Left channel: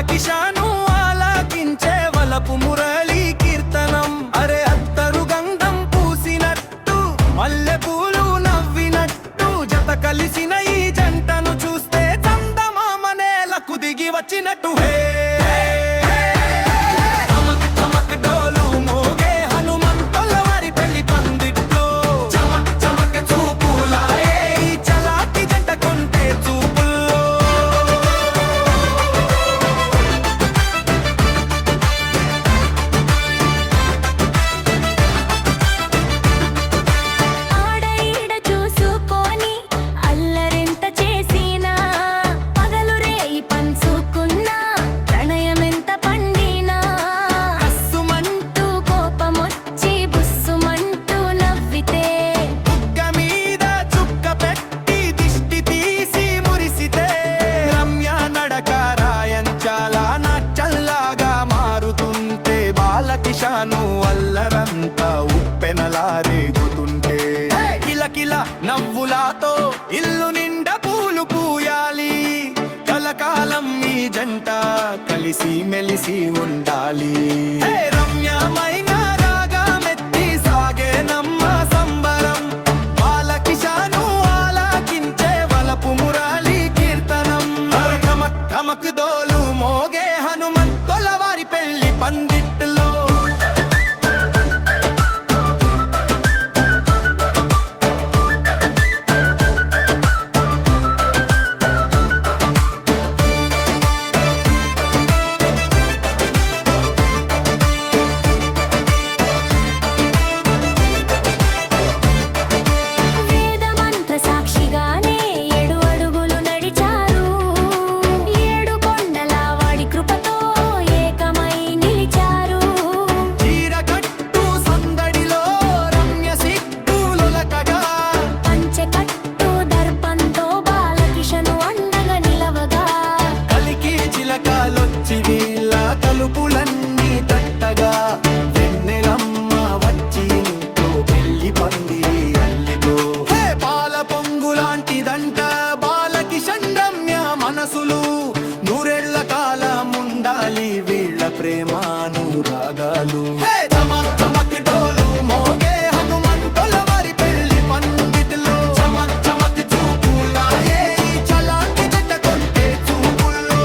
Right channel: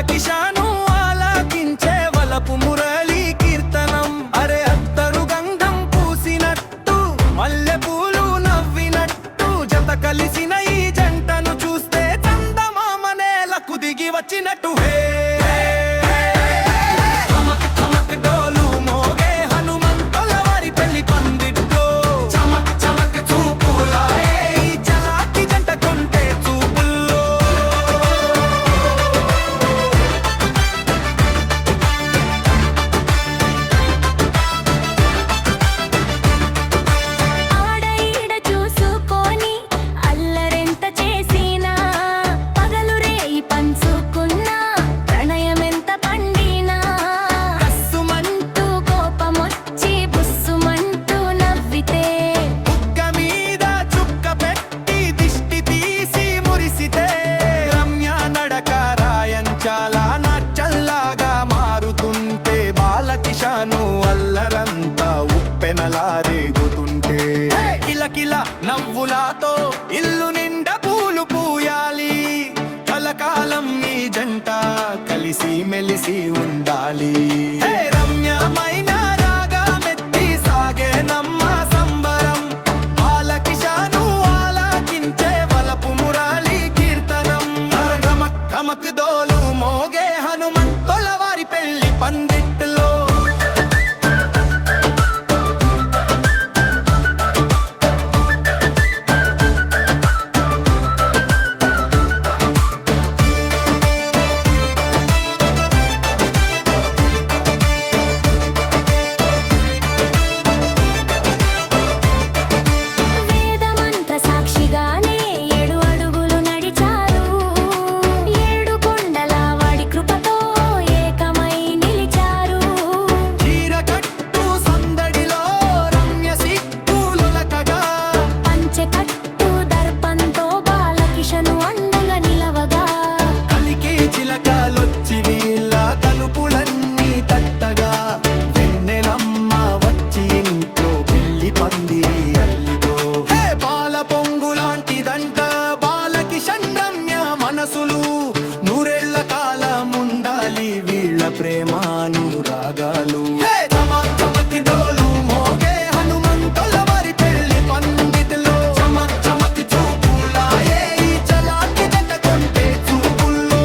బాలకిషాను ఆలకించే వలపు మురళి కీర్తనం. అరే అత్తరు గంధం పూసినట్టు మల్లె పూలు నవ్వినట్టు జత కలిసిన ఈ జంటను చూస్తే చందమామ నేలకు దిగి వచ్చినట్టు. హే చాలా నాచల్లాగా మారుతుంటే బాలకిషాను అల్లరంతా ఉప్పెనలా రేగుతుంటే కిలకిల నవ్వులాతో ఇల్లు నిండా పూలు పూయాలి. కలకాలం ఈ జంట కలిసి మెలిసి ఉండాలి. రమ్యమైన రాగమెత్తి సాగే నమ్మ సంబరం. బాలకిషాను ఆలకించే వలపు మురళి కీర్తనం. ధమక్ దోలు మోగే హనుమంతుల వారి పెళ్లి పందిట్లో. వేదమంత్ర సాక్షిగానే కృపతో ఏకమై నిలిచారు. చీరకట్టు సందడిలో రమ్య సిక్కులొలకగా పంచెకట్టు దర్పంతో బాలకిషను అండగా నిలవగా కలికి చిలకలొచ్చి వీళ్ళ తలుపులన్నీ తట్టగా వెన్నెలమ్మ వచ్చి ఇంట్లో పెళ్లి పందిరి అల్లితో. పాల పొంగులాంటిదంట బాలకిషన్ రమ్య మనసులు. నూరేళ్ల కాలముండాలి వీళ్ళ ప్రేమాను రాగాలు. చమక్ డోలు మోగే హనుమంతుల వారి పెళ్లి పందిటిలో. చమక్ చూపులాయే ఈ చలాకి జంట కొంటే చూపుల్లో.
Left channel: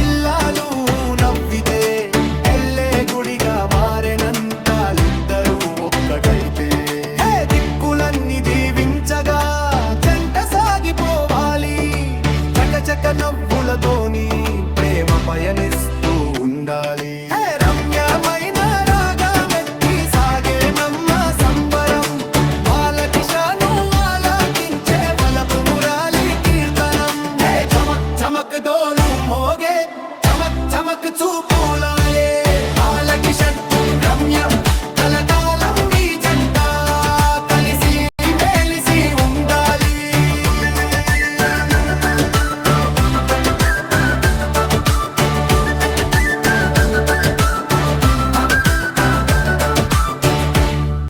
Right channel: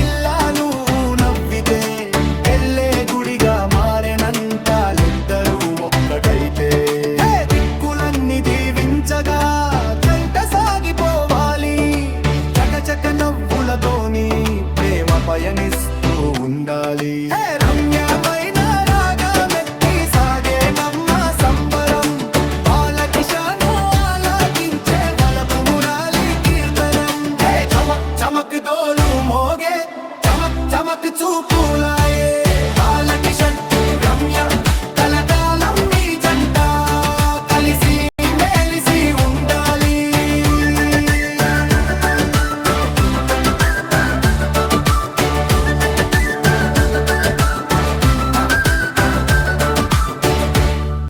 ఇల్లాలు నవ్వితే ఎల్లే గుడిగా మారెనంతాలుద్దరూ ఒక్కటైతే. దిక్కులన్నీ దీవించగా జంట సాగిపోవాలి. చకచక నవ్వులతోని ప్రేమ పయనిస్తూ ఉండాలి. రమ్యమైన రాగమెత్తి సాగే నమ్మ సంబరం. బాలకిషాను ఆలకించే వలపు మురళి కీర్తనం. చమక్ డోలు మోగే చమక్ చూపులాయే.